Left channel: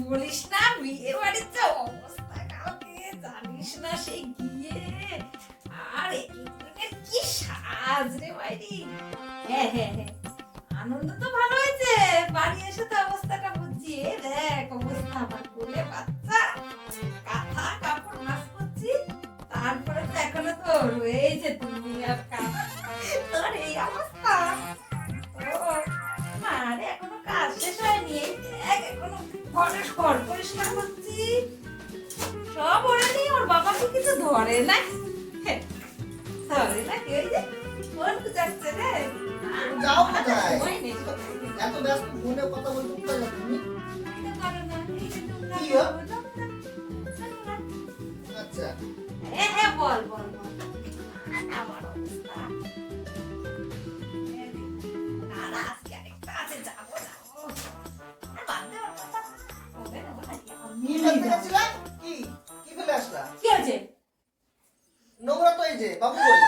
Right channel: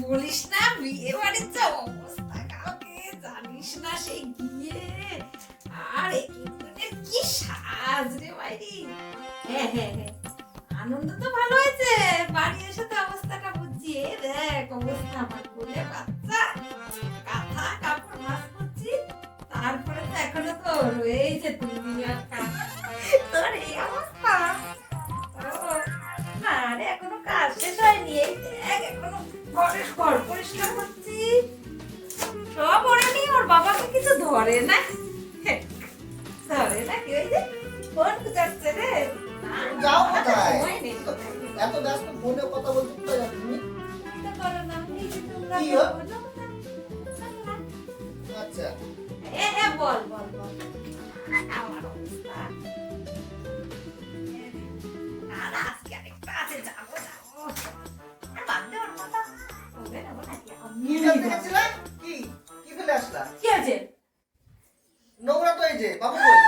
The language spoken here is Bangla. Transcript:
বলিস না বিয়ে বাড়ির যা অবস্থা কাউকে জানিস না সেই গিয়ে। আর কি সাজ রে বাইরি হ্যাঁ হ্যাঁ হ্যাঁ। আনন্দ তো ভালো হয়েছে। বাড়ি এসে তো অবস্থাটা বুঝছি। এ দেখ অবস্থা আমার কোলে বাচ্চা। কাঁথা কাপড় ভাস করছি তারপরে তো এখনও তো রয়েছে তুমি আর তোর এই অবস্থা। ও, আরে এখনও কাজ শেষ হয়নি। এই ঘর পরিষ্কার করছি। সব ওরে নিয়ে ওর বাবাকে কিছু ধরে না। ধরে না কি ওই যে ফোন যাচ্ছে রে। যাও কোথায়? এত ব্যস্ত ফোনে কথা বলতে কোথায় যাচ্ছ তুমি। কি কি আচ্ছা। এ এ বল বল বল। কি কি? কি ফেলে আসলা? কি আছে নোংরা তো এই যে বাবু কই?